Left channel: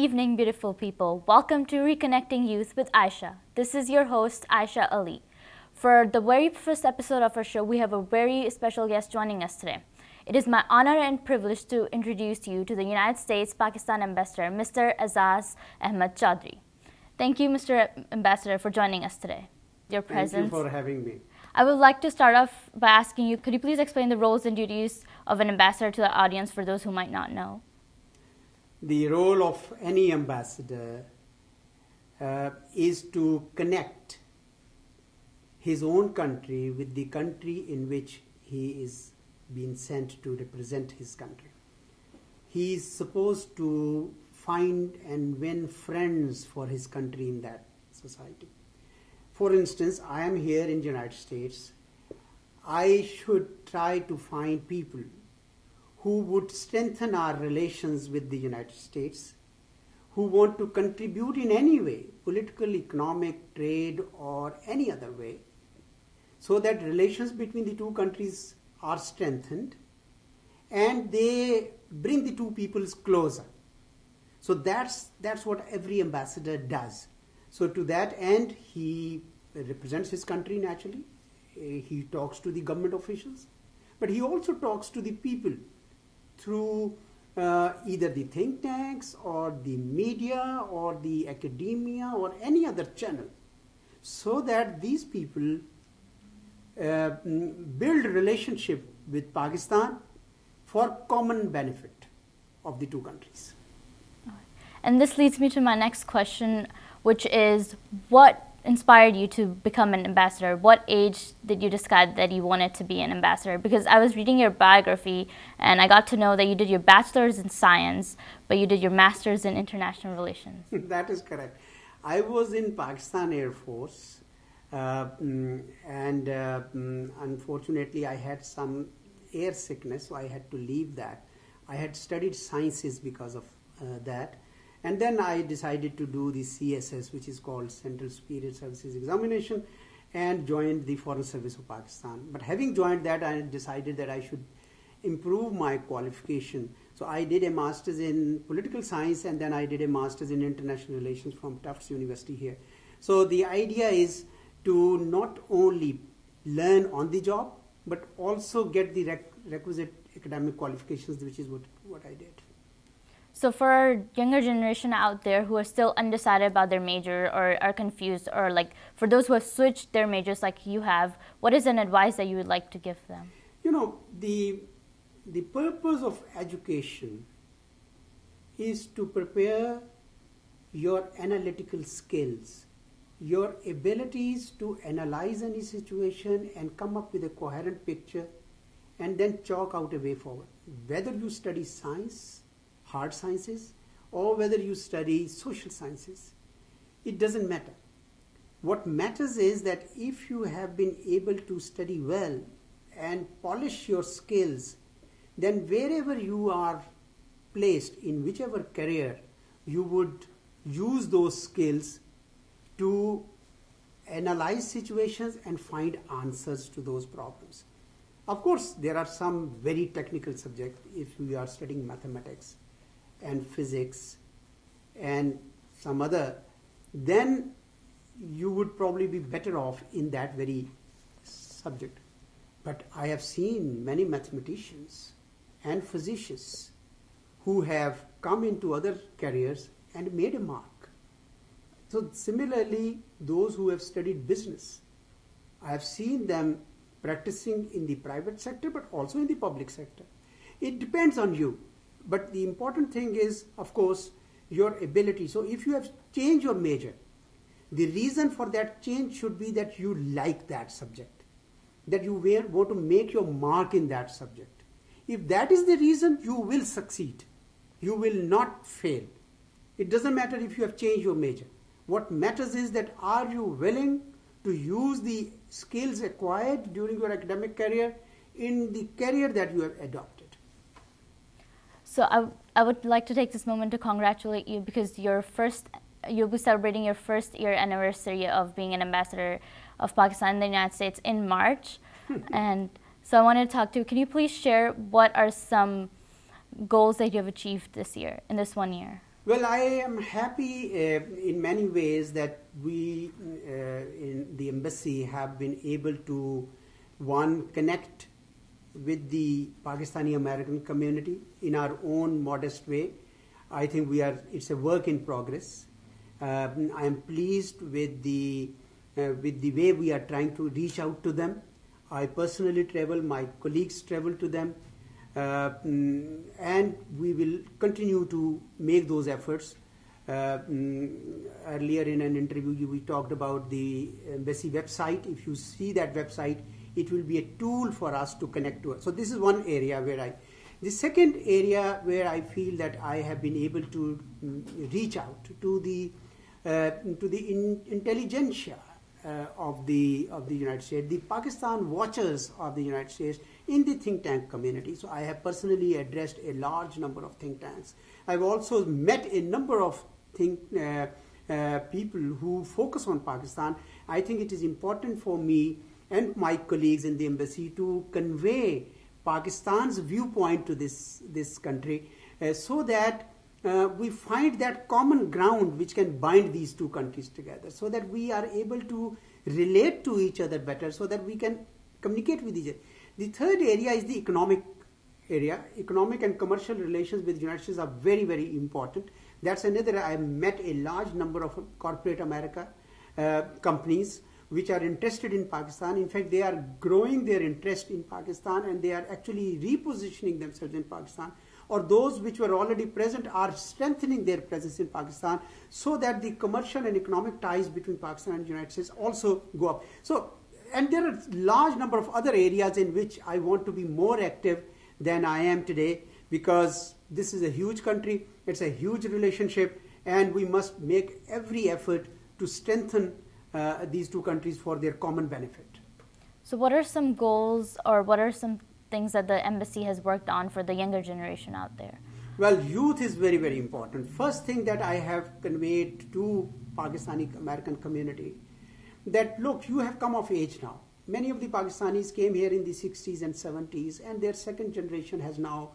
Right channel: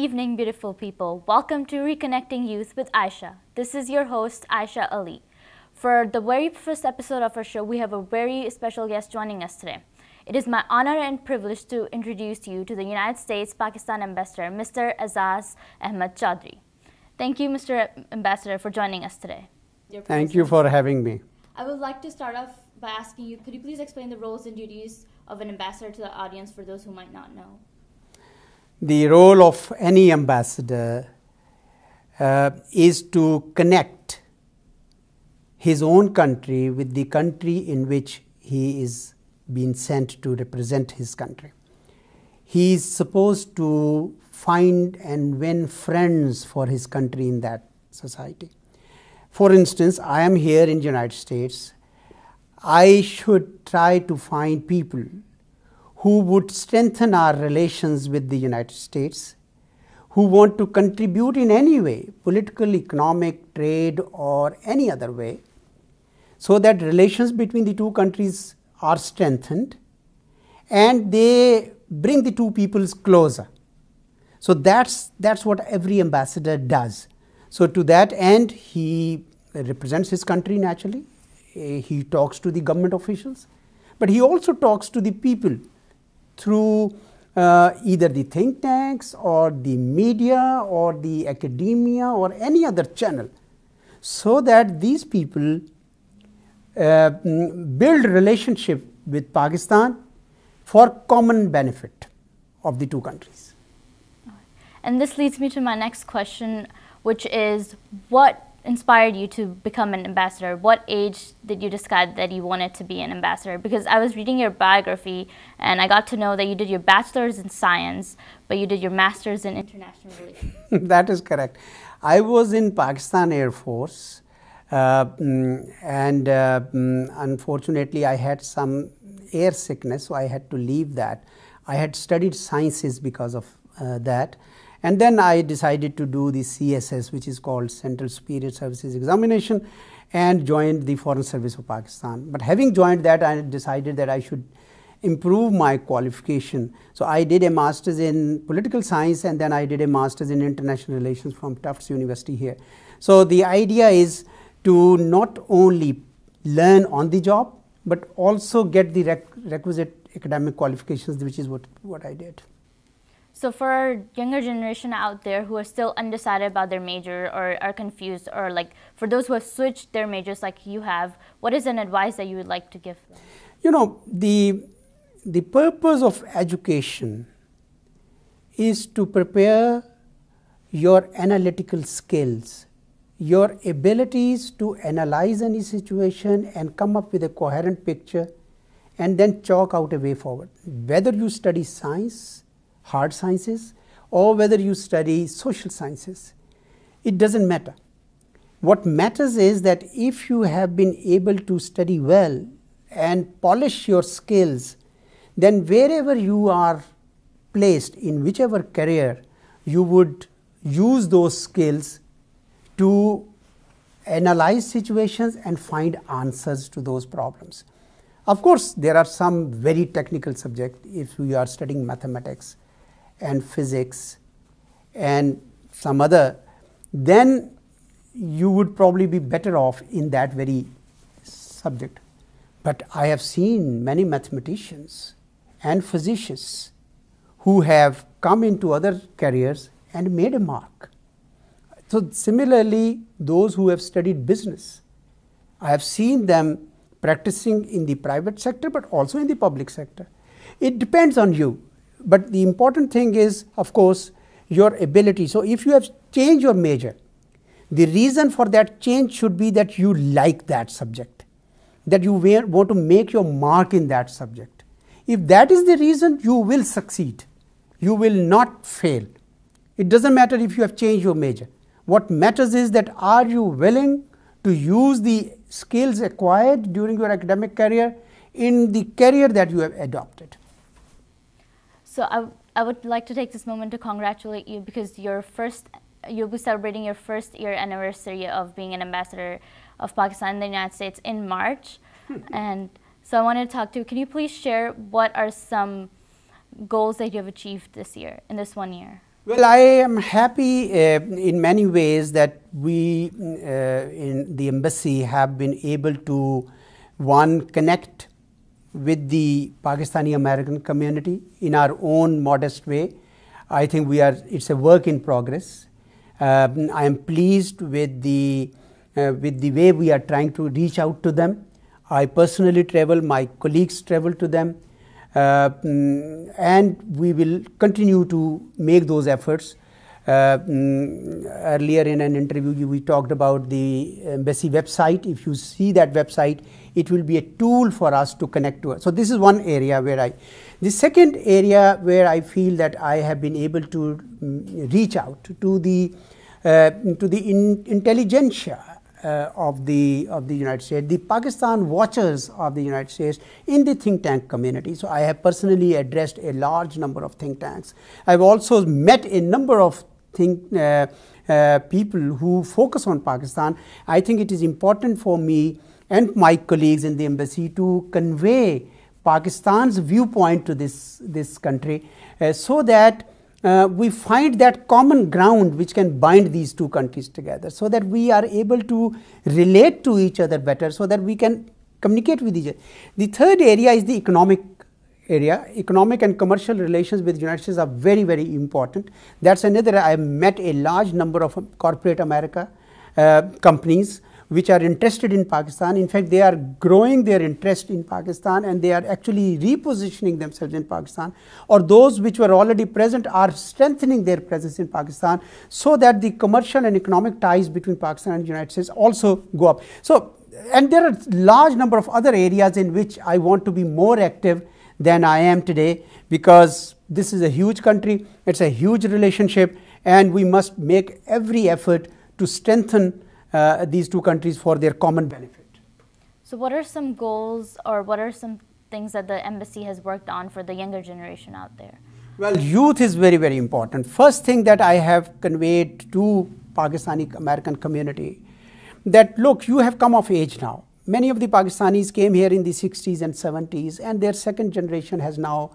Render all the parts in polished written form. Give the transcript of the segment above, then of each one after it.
evening, beautiful people. Welcome to Reconnecting Youth with Ayesha. This is your host, Ayesha Ali. For the very first episode of our show, we have a very special guest joining us today. It is my honor and privilege to introduce you to the United States-Pakistan Ambassador, Mr. Aizaz Ahmad Chaudhry. Thank you, Mr. Ambassador, for joining us today. Thank you for having me. I would like to start off by asking you, could you please explain the roles and duties of an ambassador to the audience for those who might not know? The role of any ambassador is to connect his own country with the country in which he is being sent to represent his country. He is supposed to find and win friends for his country in that society. For instance, I am here in the United States. I should try to find people who would strengthen our relations with the United States, who want to contribute in any way, political, economic, trade, or any other way, so that relations between the two countries are strengthened and they bring the two peoples closer. So that's what every ambassador does. So to that end, he represents his country naturally. He talks to the government officials, but he also talks to the people through either the think tanks or the media or the academia or any other channel, so that these people build relationship with Pakistan for common benefit of the two countries. And this leads me to my next question, which is, what inspired you to become an ambassador? What age did you decide that you wanted to be an ambassador? Because I was reading your biography and I got to know that you did your bachelor's in science, but you did your master's in international relations. That is correct. I was in Pakistan Air Force unfortunately I had some air sickness, so I had to leave that. I had studied sciences because of that. And then I decided to do the CSS, which is called Central Superior Services Examination, and joined the Foreign Service of Pakistan. But having joined that, I decided that I should improve my qualification. So I did a master's in political science, and then I did a master's in international relations from Tufts University here. So the idea is to not only learn on the job, but also get the requisite academic qualifications, which is what I did. So for our younger generation out there who are still undecided about their major or are confused, or like for those who have switched their majors like you have, what is an advice that you would like to give them? You know, the purpose of education is to prepare your analytical skills, your abilities to analyze any situation and come up with a coherent picture and then chalk out a way forward. Whether you study science, hard sciences, or whether you study social sciences, it doesn't matter. What matters is that if you have been able to study well and polish your skills, then wherever you are placed in whichever career, you would use those skills to analyze situations and find answers to those problems. Of course, there are some very technical subjects. If you are studying mathematics and physics and some other, then you would probably be better off in that very subject. But I have seen many mathematicians and physicians who have come into other careers and made a mark. So similarly, those who have studied business, I have seen them practicing in the private sector but also in the public sector. It depends on you. But the important thing is, of course, your ability. So if you have changed your major, the reason for that change should be that you like that subject, that you want to make your mark in that subject. If that is the reason, you will succeed. You will not fail. It doesn't matter if you have changed your major. What matters is that are you willing to use the skills acquired during your academic career in the career that you have adopted. So I would like to take this moment to congratulate you, because you'll be celebrating your first year anniversary of being an ambassador of Pakistan in the United States in March. And so I wanted to talk to you. Can you please share what are some goals that you have achieved this year, in this 1 year? Well, I am happy in many ways that we in the embassy have been able to, one, connect with the Pakistani American community in our own modest way. I think it's a work in progress. I am pleased with the way we are trying to reach out to them. I personally travel, my colleagues travel to them, and we will continue to make those efforts. Earlier in an interview we talked about the embassy website. If you see that website, it will be a tool for us to connect to us. So this is one area where the second area where I feel that I have been able to reach out to the intelligentsia of the United States, the Pakistan watchers of the United States in the think tank community. So I have personally addressed a large number of think tanks. I've also met a number of people who focus on Pakistan. I think it is important for me and my colleagues in the embassy to convey Pakistan's viewpoint to this country, so that we find that common ground which can bind these two countries together, so that we are able to relate to each other better, so that we can communicate with each other. The third area is the economic area. Economic and commercial relations with the United States are very, very important. That's another. I have met a large number of corporate America companies which are interested in Pakistan. In fact, they are growing their interest in Pakistan, and they are actually repositioning themselves in Pakistan, or those which were already present are strengthening their presence in Pakistan, so that the commercial and economic ties between Pakistan and the United States also go up. So, and there are large number of other areas in which I want to be more active than I am today, because this is a huge country, it's a huge relationship, and we must make every effort to strengthen these two countries for their common benefit. So what are some goals, or what are some things that the embassy has worked on for the younger generation out there? Well, youth is very, very important. First thing that I have conveyed to Pakistani American community, that look, you have come of age now. Many of the Pakistanis came here in the 60s and 70s, and their second generation has now,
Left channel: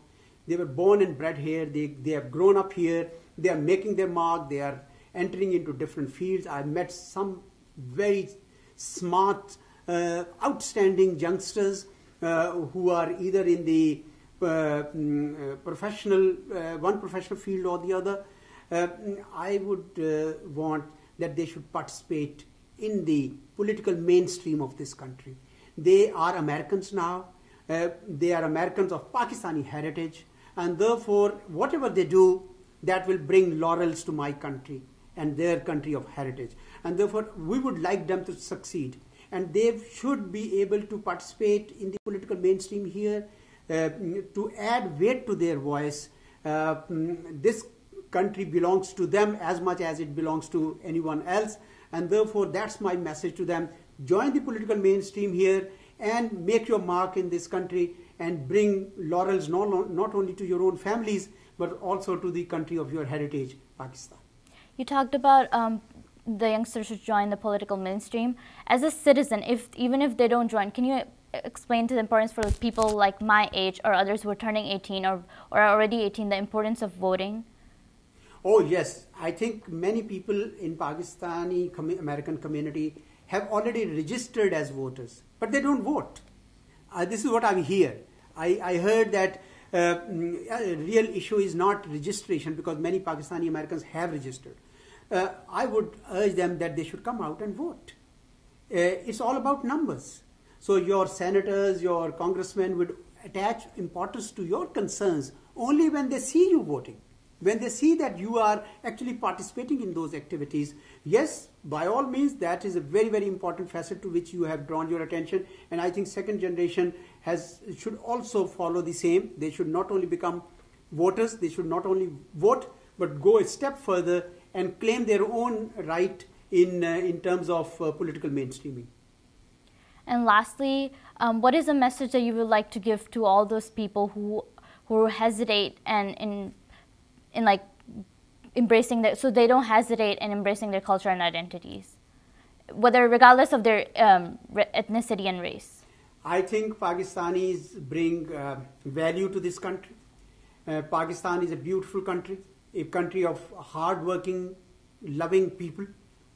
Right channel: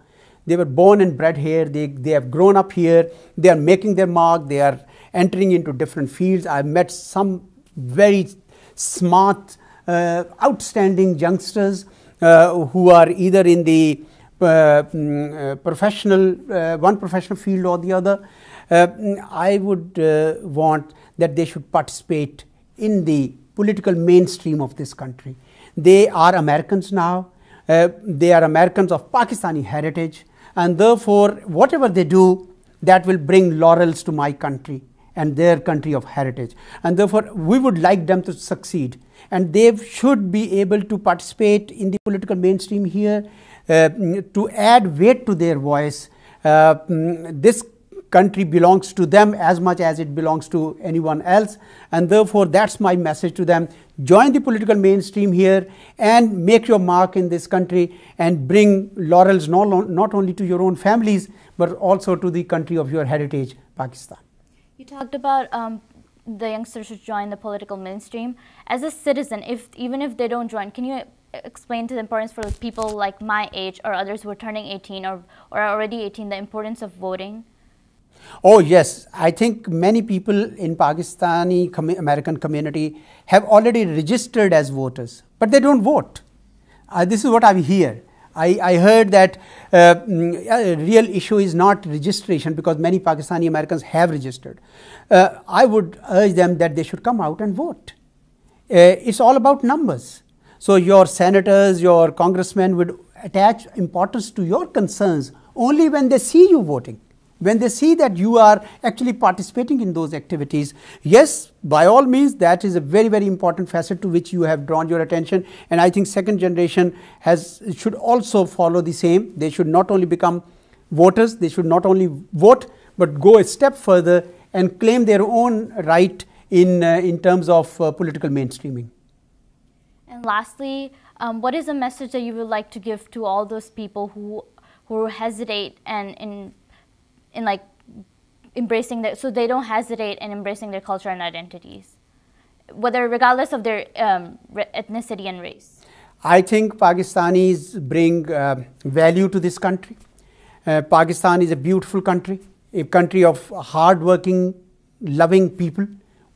they were born and bred here, they have grown up here, they are making their mark, they are entering into different fields. I've met some very smart, outstanding youngsters who are either in the one professional field or the other. I would want that they should participate in the political mainstream of this country. They are Americans now. They are Americans of Pakistani heritage, and therefore whatever they do, that will bring laurels to my country and their country of heritage, and therefore we would like them to succeed, and they should be able to participate in the political mainstream here, to add weight to their voice. This country belongs to them as much as it belongs to anyone else, and therefore that's my message to them. Join the political mainstream here and make your mark in this country, and bring laurels not only to your own families but also to the country of your heritage, Pakistan. You talked about the youngsters should join the political mainstream. As a citizen, even if they don't join, can you explain to the importance for people like my age or others who are turning 18 or are already 18, the importance of voting? Oh yes, I think many people in Pakistani American community have already registered as voters, but they don't vote. This is what I hear. I heard that a real issue is not registration, because many Pakistani Americans have registered. I would urge them that they should come out and vote. It's all about numbers. So your senators, your congressmen would attach importance to your concerns only when they see you voting, when they see that you are actually participating in those activities. Yes, by all means, that is a very, very important facet to which you have drawn your attention, and I think second generation should also follow the same. They should not only become voters, they should not only vote, but go a step further and claim their own right in terms of political mainstreaming. And lastly, what is a message that you would like to give to all those people who hesitate and in like embracing that, so they don't hesitate in embracing their culture and identities, regardless of their ethnicity and race? I think Pakistanis bring value to this country. Pakistan is a beautiful country. a country of hard-working, loving people.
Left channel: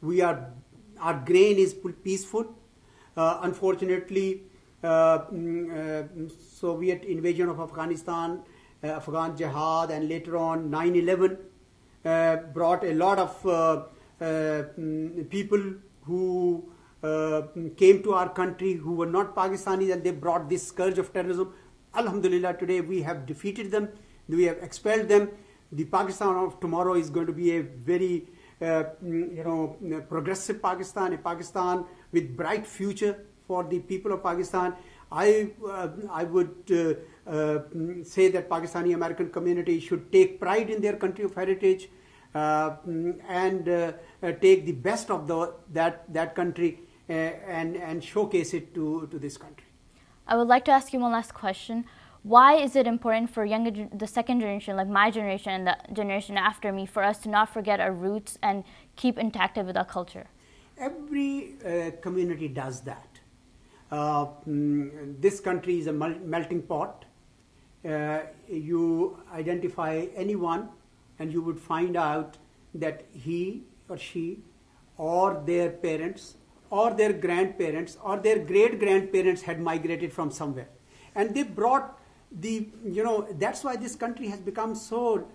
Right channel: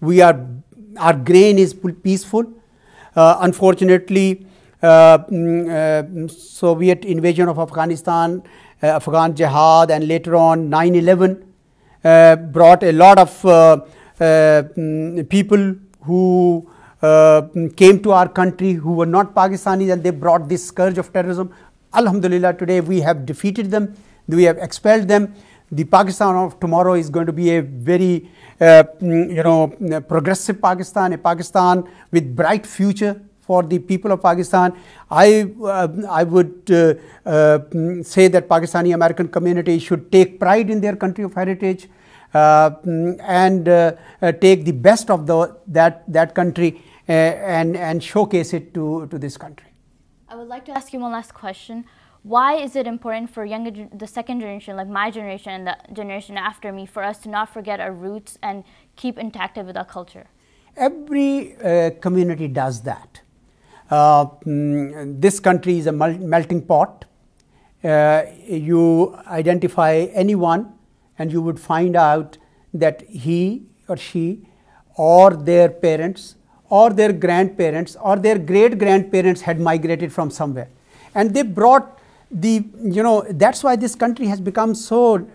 Our grain is peaceful. Unfortunately, Soviet invasion of Afghanistan, Afghan jihad, and later on 9/11 brought a lot of people who came to our country who were not Pakistanis, and they brought this scourge of terrorism. Alhamdulillah, today we have defeated them, we have expelled them. The Pakistan of tomorrow is going to be a very progressive Pakistan, a Pakistan with bright future for the people of Pakistan. I would say that Pakistani American community should take pride in their country of heritage and take the best of that country and showcase it to this country. I would like to ask you one last question. Why is it important for the second generation, like my generation and the generation after me, for us to not forget our roots and keep intact with our culture? Every community does that. This country is a melting pot. You identify anyone and you would find out that he or she or their parents or their grandparents or their great-grandparents had migrated from somewhere. And they brought that's why this country has become so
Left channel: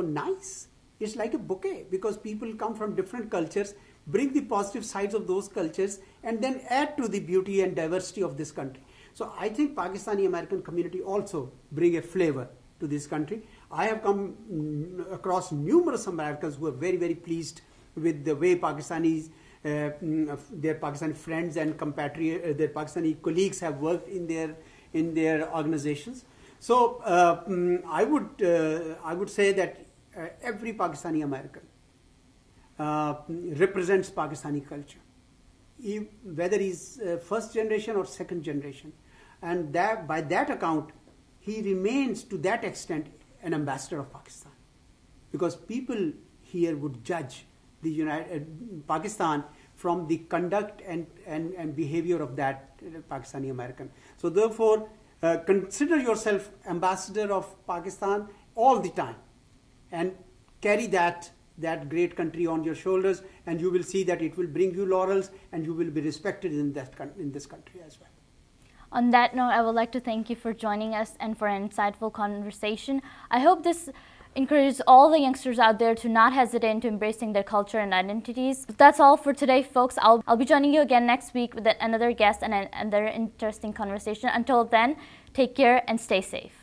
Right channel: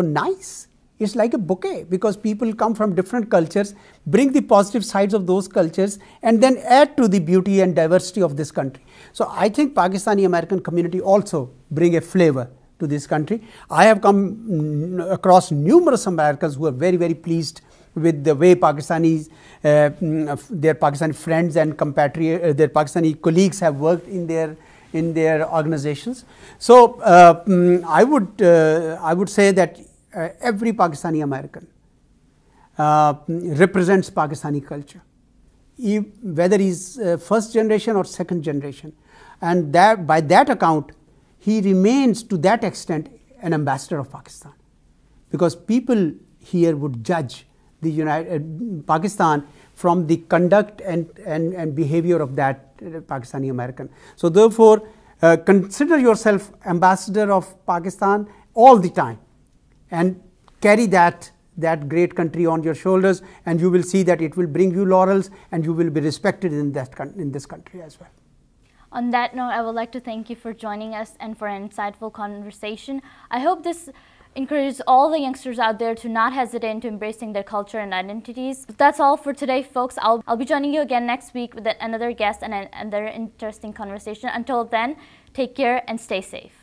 nice. It's like a bouquet, because people come from different cultures, bring the positive sides of those cultures, and then add to the beauty and diversity of this country. So I think Pakistani American community also bring a flavor to this country. I have come across numerous Americans who are very, very pleased with the way Pakistanis, their Pakistani friends and compatriots, their Pakistani colleagues have worked in their organizations. So I would say that every Pakistani American represents Pakistani culture, whether he's first generation or second generation, and that by that account he remains to that extent an ambassador of Pakistan, because people here would judge the Pakistan from the conduct and behavior of that Pakistani American. So therefore, consider yourself ambassador of Pakistan all the time, and carry that great country on your shoulders, and you will see that it will bring you laurels, and you will be respected in this country as well. On that note, I would like to thank you for joining us and for an insightful conversation. I hope this encourages all the youngsters out there to not hesitate into embracing their culture and identities. That's all for today, folks. I'll be joining you again next week with another guest and another interesting conversation. Until then, take care and stay safe.